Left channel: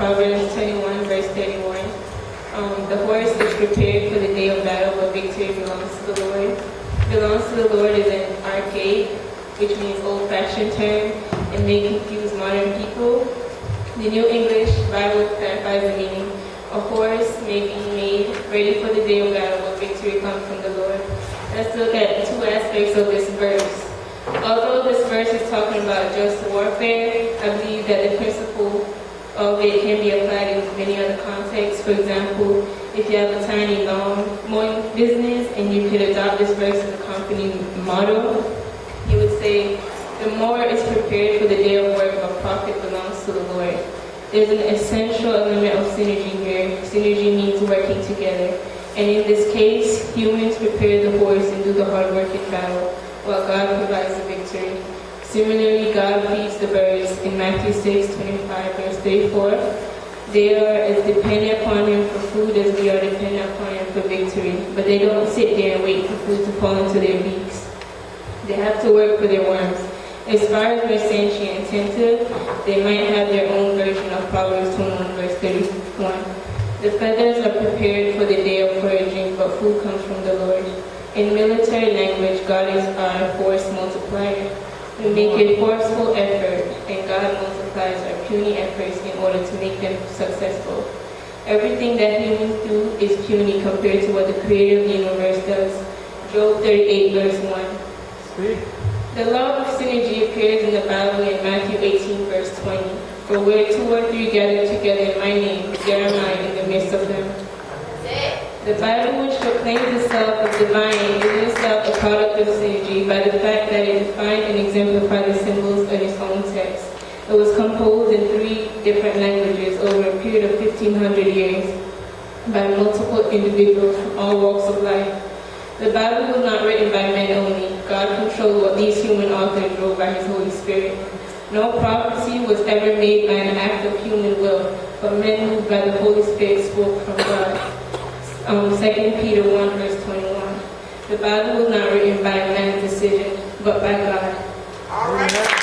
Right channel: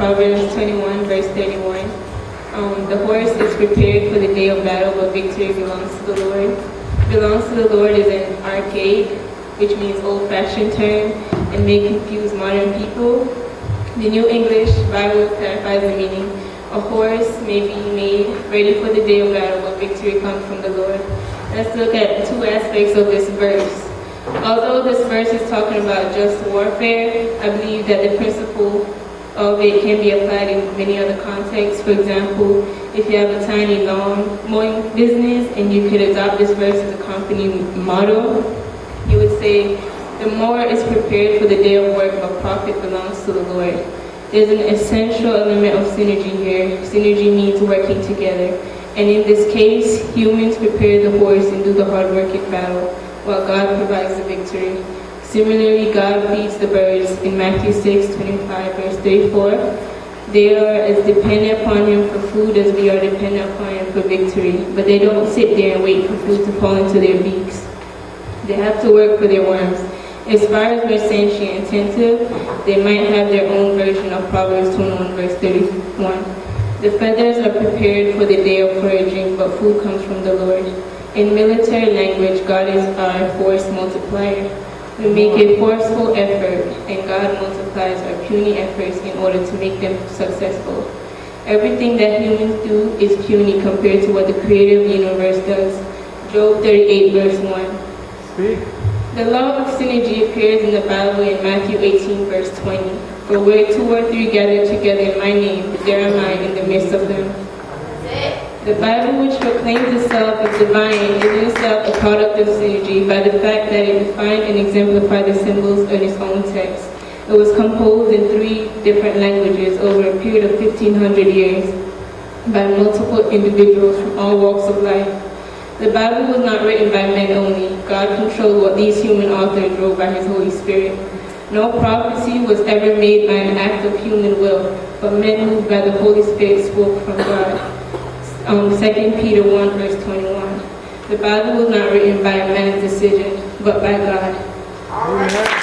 Proverbs 21, verse 31. The horse is prepared for the day of battle, but victory belongs to the Lord. Belongs to the Lord is an archaic, which means old-fashioned term, and may confuse modern people. The New English Bible clarifies the meaning. A horse may be made ready for the day of battle, but victory comes from the Lord. Let's look at two aspects of this verse. Although this verse is talking about just warfare, I believe that the principle of it can be applied in many other contexts. For example, if you have a tiny lawn mowing business and you could adopt this verse as a company motto, you would say, the mower is prepared for the day of work, but profit belongs to the Lord. There's an essential element of synergy here. Synergy means working together. And in this case, humans prepare the horse and do the hard work in battle, while God provides the victory. Similarly, God feeds the birds in Matthew 6:25, verse 34. They are as dependent upon Him for food as we are dependent upon Him for victory. But they don't sit there and wait for food to fall into their beaks. They have to work for their worms. As far as we're sentient and attentive, they might have their own version of Proverbs 21, verse 31. The feathers are prepared for the day of foraging, but food comes from the Lord. In military language, God is our force multiplier. We make a forceful effort, and God multiplies our puny efforts in order to make them successful. Everything that humans do is puny compared to what the Creator of the universe does. Job 38, verse 1. Speak. The law of synergy appears in the Bible in Matthew 18, verse 20. For where 2 or 3 gather together in my name, there am I in the midst of them. The Bible, which proclaims itself as divine, is in itself a product of synergy by the fact that it defined and exemplified the symbols in its own text. It was composed in 3 different languages over a period of 1,500 years by multiple individuals from all walks of life. The Bible was not written by men only. God controlled what these human authors wrote by His Holy Spirit. No prophecy was ever made by an act of human will, but men moved by the Holy Spirit spoke from God. 2 Peter 1, verse 21. The Bible was not written by man's decision, but by God. Amen.